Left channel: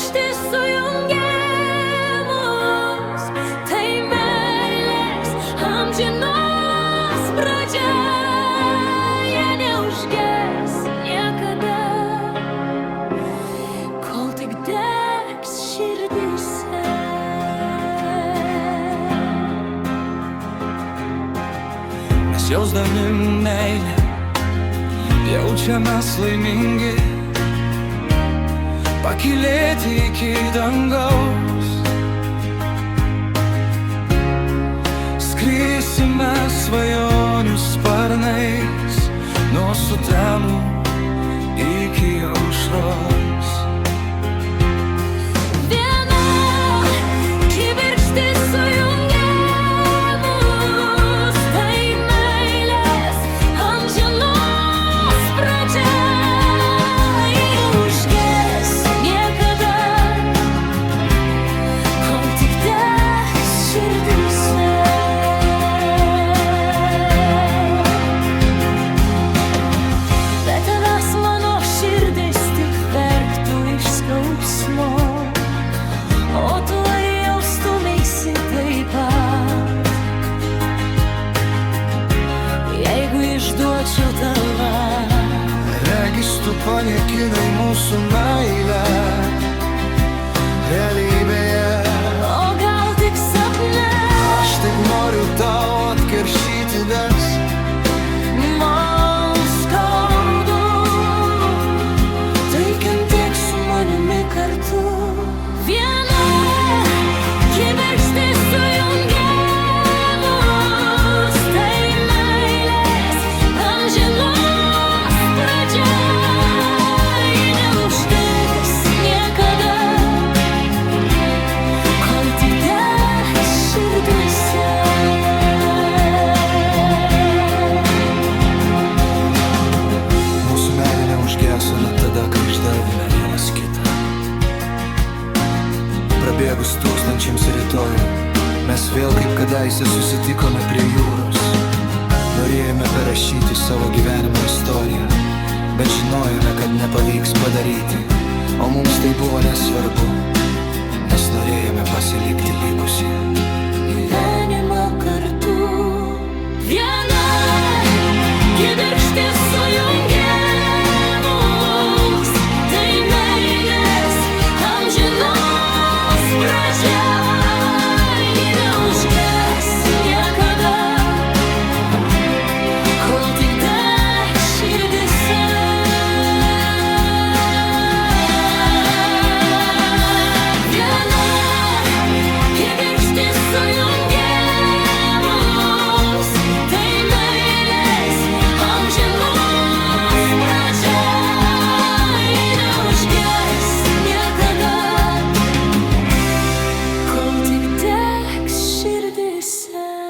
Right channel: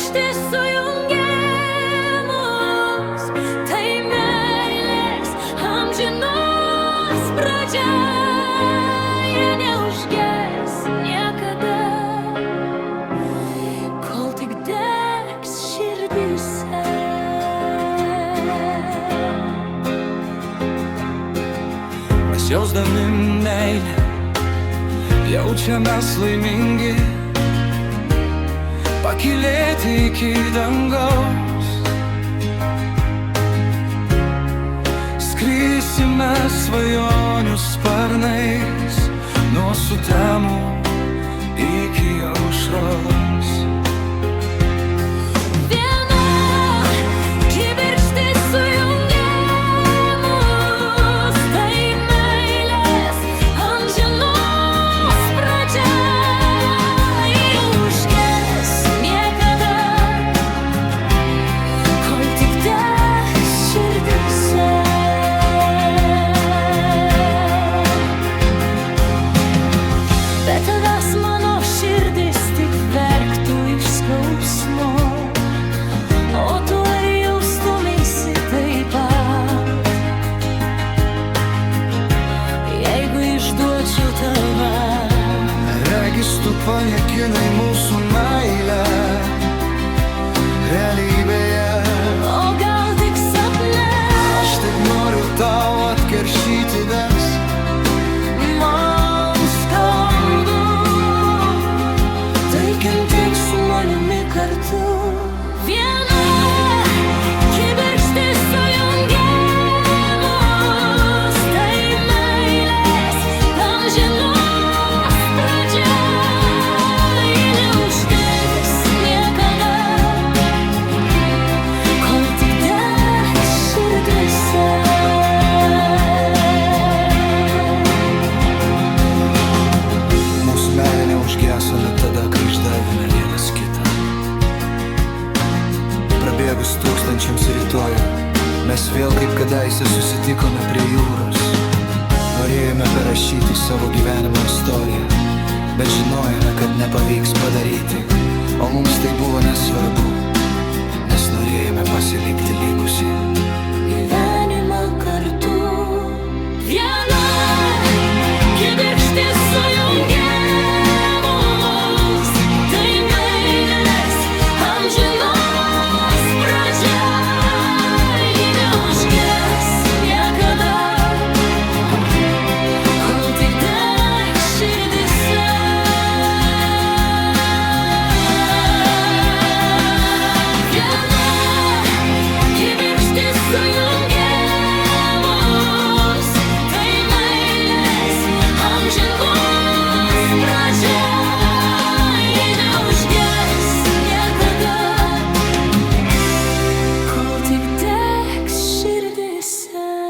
kibirkštis sujungia mus, tai meilės amžinos pradžia. Jie neužges niekada, kol tik degs širdyse. Mes jausdami meilę jaučiamės laimingi, pakylėti iki dangaus. Skrisime svajonių sparnais nuo sutemų iki aušros. Viena kibirkštis sujungia mus, tai meilės amžinos pradžia. Ji neužges niekada, kol tik degs širdyse. Be tavęs mano širdis tik verktų iš skausmo, o tu ar jaustumeisi taip pat, jeigu išduočiau tave? Regis tu paniekinai mūsų meilę realybėje. O gal tik sapne? Aš taip noriu tau atkeršyti, nes man skaudu. Tai kentėk su manimi kartu. Viena kibirkštis sujungia mus, tai meilės amžinos pradžia. Ji neuždegs niekada, kol tik degs širdyse. Mūsų meilė neužgeso net tada, kai išdavėme vienas kitą. Prabėgus tūkstančiams rytojų, mes vėl kaip kadaise susitikome prie jūros. Norėjome parašyti savo gyvenimo istoriją, bet žinojome, kad nepavyks padaryti. O mums tai buvo nesvarbu, nes norėjome pasilikti likusį gyvenimą kartu. Viena kibirkštis sujungia mus, tai meilės amžinos pradžia. Ji neužges niekada, kol tik degs širdyse. Viena kibirkštis sujungia mus, tai meilės amžinos pradžia. Ji neužges niekada, kol tik degs širdyse.